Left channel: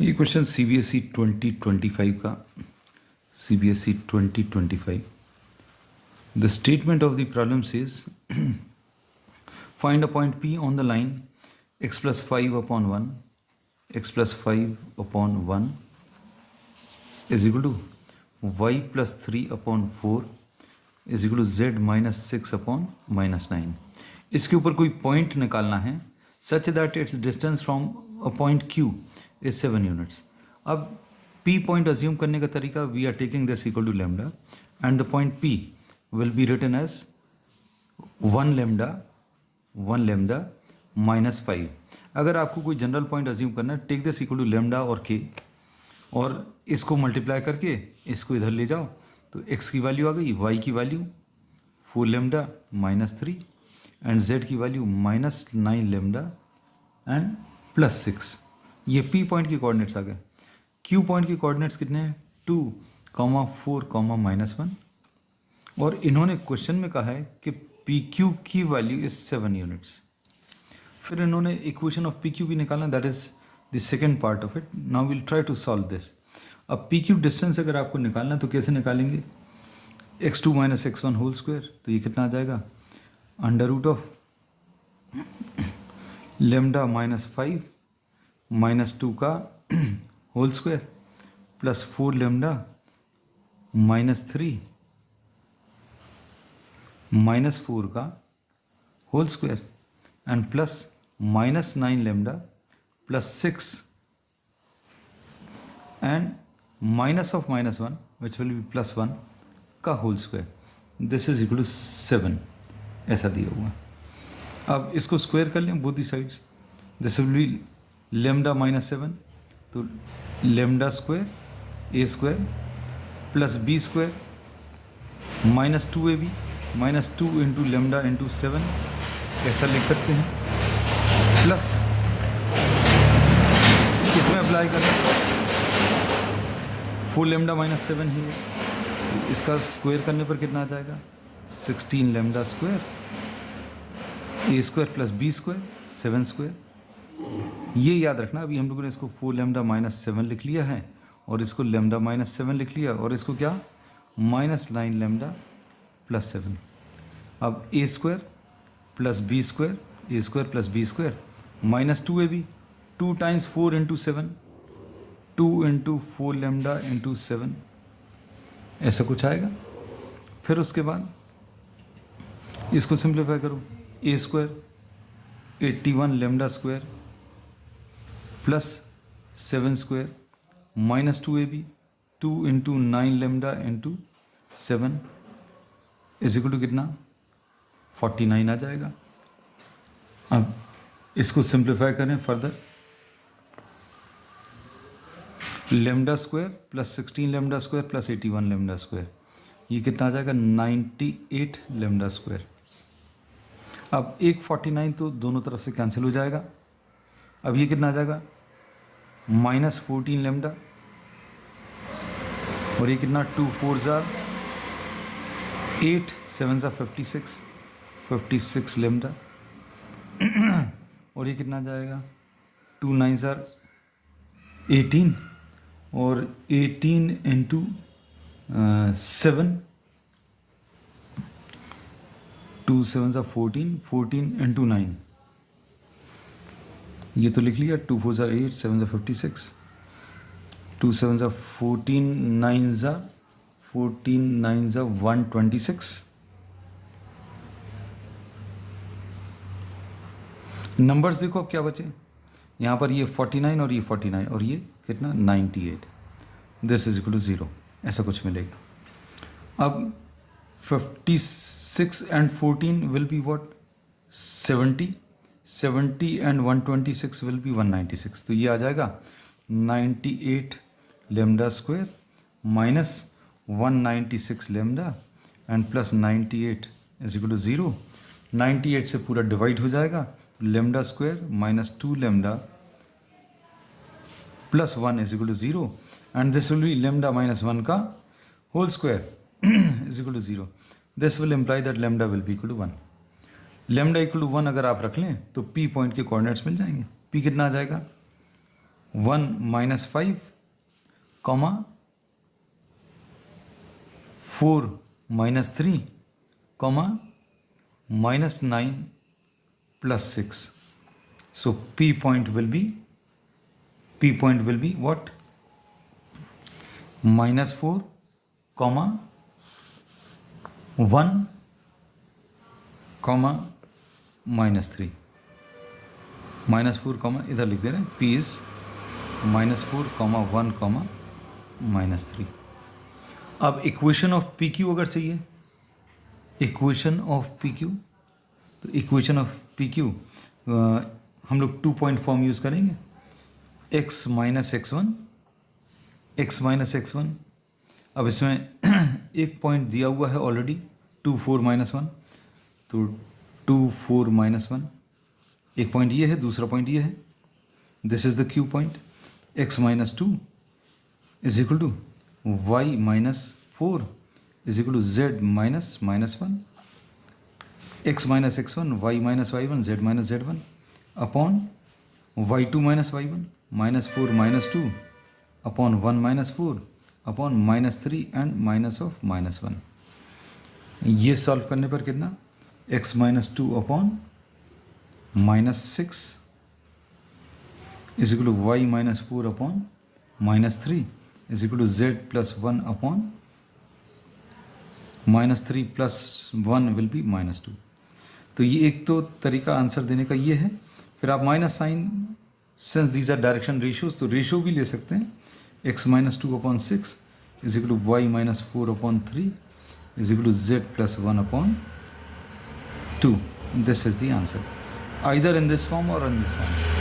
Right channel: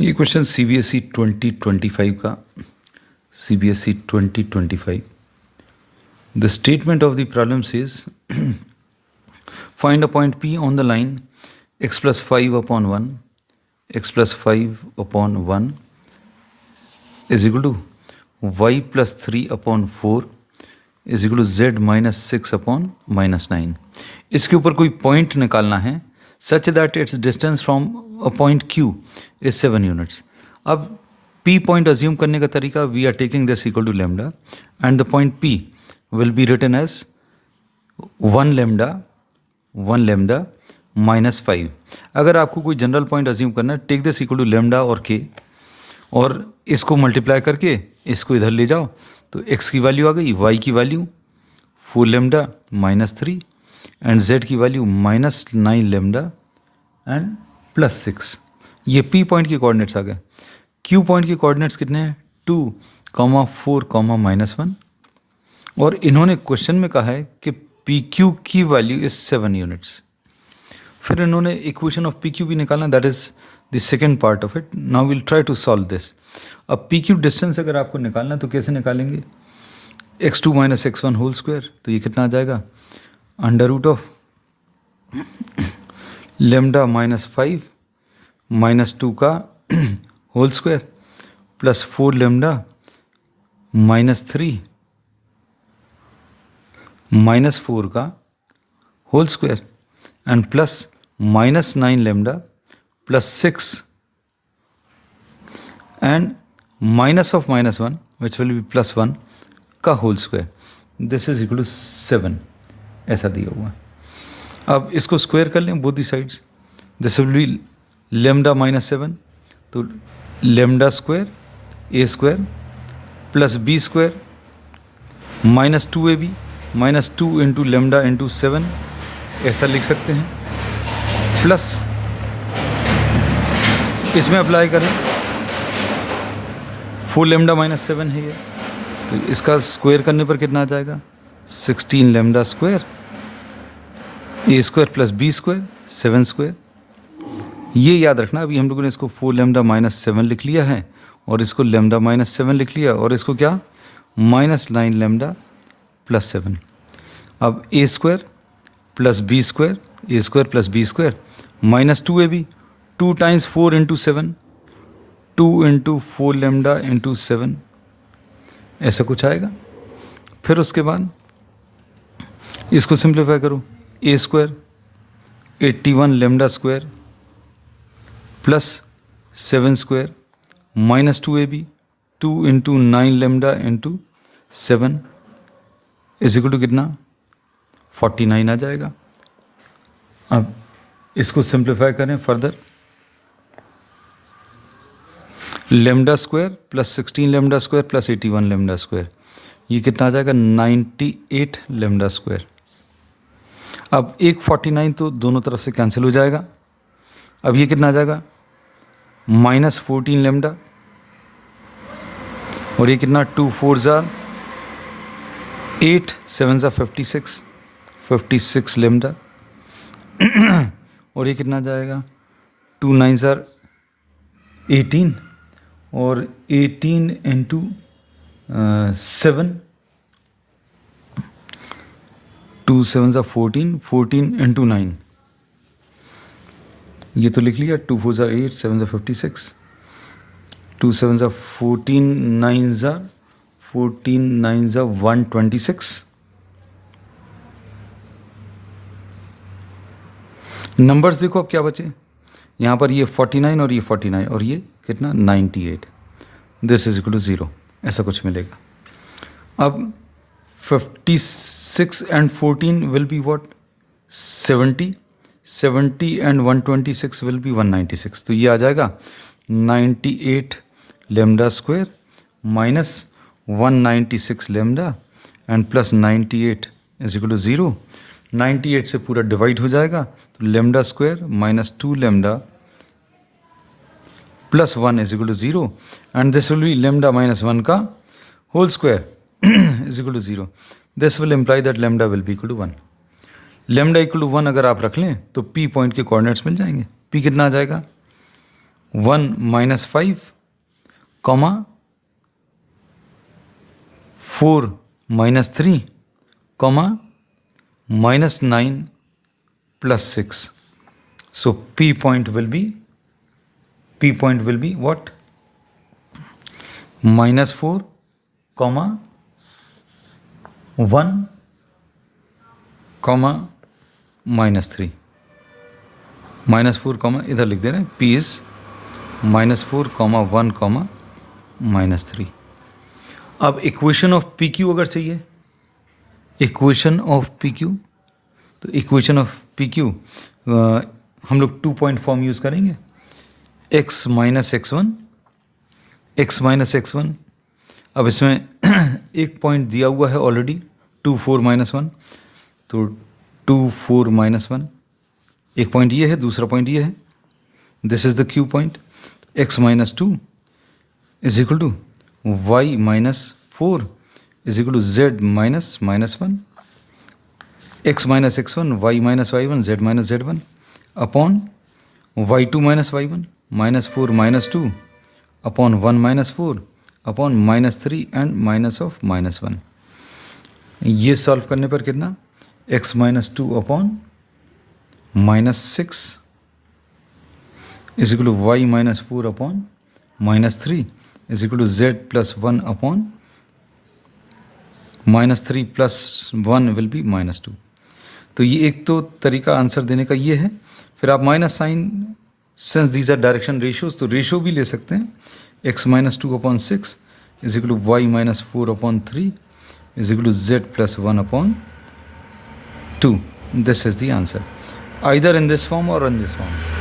ये question CBSE 2025 का CBSE 2025 The statement of the problem says find a point P on the line x plus 5 upon 1 x plus 5 upon 1 is equal to y plus 3 upon 4 is equal to z minus 6 upon minus 9. इसके ऊपर कोई point निकालना है such that its distance from a point Q is 7 units. अब P point assume करने का तरीका we are taking this equal to lambda and the point P will be written as 1 lambda minus 5. अगर आपको कोई general point assume करना है take this equal to lambda और k और इसको मल्टीप्लाई करके इसको इधर ले जाओ तो x की वैल्यू आ गई, y की value 4 lambda minus 3 and z की value minus 9 lambda and plus 6. ये p पॉइंट के कोऑर्डिनेट्स आ गए. q पॉइंट के कोऑर्डिनेट्स कितने हैं 2, 4, -1 और इन्होंने क्वेश्चन में कहा है कि pq की वैल्यू इज 7 यूनिट्स. फिर इन्होंने इक्वेशन ऑफ pq भी निकालना, that is the second part of it. Now will try to solve this. अब pq डिस्टेंस अगर आपको निकालना है तो कैसे निकालेंगे, x2 - x1 होल स्क्वायर, तो ये कितना आ जाएगा अंडर रूट ऑफ लेमडा -5 -2 का होल स्क्वायर प्लस 4 लेमडा -3 -4 का whole square and plus -9 lambda plus 6 and minus of -1 which will be +1 का whole square. This is equal to 7 ऐसा दिया हुआ. अब इसको स्क्वायर कर लें both the sides. This will be lambda -7 तो lambda square a square plus b square -2ab -2 into lambda into 7 ऐसा लिख सकते हैं. प्लस इसमें अप्लाई करें 4 लेमडा -7 है ये, तो इसका स्क्वायर करने पर कितना आ जाएगा 16 lambda square a square plus b square 7 square. ये याद रखना, अभी हम लोगों ने इसको 4 लेमडा -7 लिख लिया है और इसको लेमडा -7 लिख लिया और इसको क्या -9 लेमडा प्लस 7. अब a square plus b square a square plus b square -2ab 2 times 4 into 7 2 into 4 lambda into 7 ऐसा कुछ आएगा. फिर उसके बाद इसको सिंप्लीफाई करो, a square 81 lambda square plus 7 square -2ab 2 into 9 lambda into 7 is equal to कितना 49 आ जाएगा. अब इसको सिंप्लीफाई करें further, lambda square plus 16 lambda square plus 81 lambda square, ये कितना आ जाएगा 98 लेमडा स्क्वायर. अब एक 49 तो दोनों तरफ से कैंसिल हो जाएगा. अब ये कितना आ जाएगा -14 लेमडा और ये कितना 2 4 ज़ार 8 7 ज़ार 56 लेमडा और ये कितना आ जाएगा 2 9 ज़ार 18 और 18 इंटू 7 2 7 ज़ार 14 इंटू 9 ये तो लिख लिया 2 4 ज़ार 8 7 ज़ार 56 2 7 ज़ार 14 9 ज़ार 126. नंबर्स देखो अब क्या बचे, यहाँ पर ये 49 और ये 49 और ये कितना 98. दिस इज इक्वल टू 0 ऐसा कुछ मिलेगा. अब 56 and 14 will be what 70 and 126 will be 196. तो ये आ जाएगा 98 lambda square minus 196 lambda and plus 98 is equal to 0. 98 से पूरा डिवाइड हो जाएगा तो lambda square -2 lambda plus 1 is equal to 0 and this will be lambda -1 का whole square is equal to 0. This will imply that lambda will be equal to 1. Lambda equal to 1 अगर आप रख लें तो पी पॉइंट के coordinates मिल जाएंगे. P कितना आ जाएगा 1 minus 5, comma 4 minus 3, comma minus 9 plus 6. So P point will be what? Minus 4, comma 1, comma minus 3. Minus 4 comma इधर लिख दे रहे हैं. P is minus 4, comma 1, comma minus 3. अब इक्वेशन ऑफ पी क्यू अगर चाहिए, इक्वेशन ऑफ पी क्यू, तो equation of P Q हम लोग 2 पॉइंट फॉर्म यूज़ करेंगे. x minus x1, x minus x1. अब इसमें एक पॉइंट दिया हुआ है ऑलरेडी 2 4 माइनस 1, तो 2 4 माइनस 1. एक पॉइंट ये है, दूसरा पॉइंट ये है. This is the Q point. x minus 2 is equal to y minus 4 is equal to z minus minus 1. x minus x1, y minus y1, z minus z1 upon y2 minus y1 minus 4 minus 2 upon 1 minus 4 upon minus 3 and minus of minus 1. ये solve करने पर कितना? x minus 2 upon minus 6 is equal to Y minus 4 upon minus 3 is equal to z plus 1 upon minus 3 plus 1 will be minus 2. तो ये एक तो तरीका answer देने का ये है. फिर आप minus sign, since these are direction ratios, तो रेशियो भी ले सकते हैं. x minus 2 upon 6 is equal to Y minus 4 upon 3 is equal to z plus 1 upon 2. This is the answer, either in this form or in this form.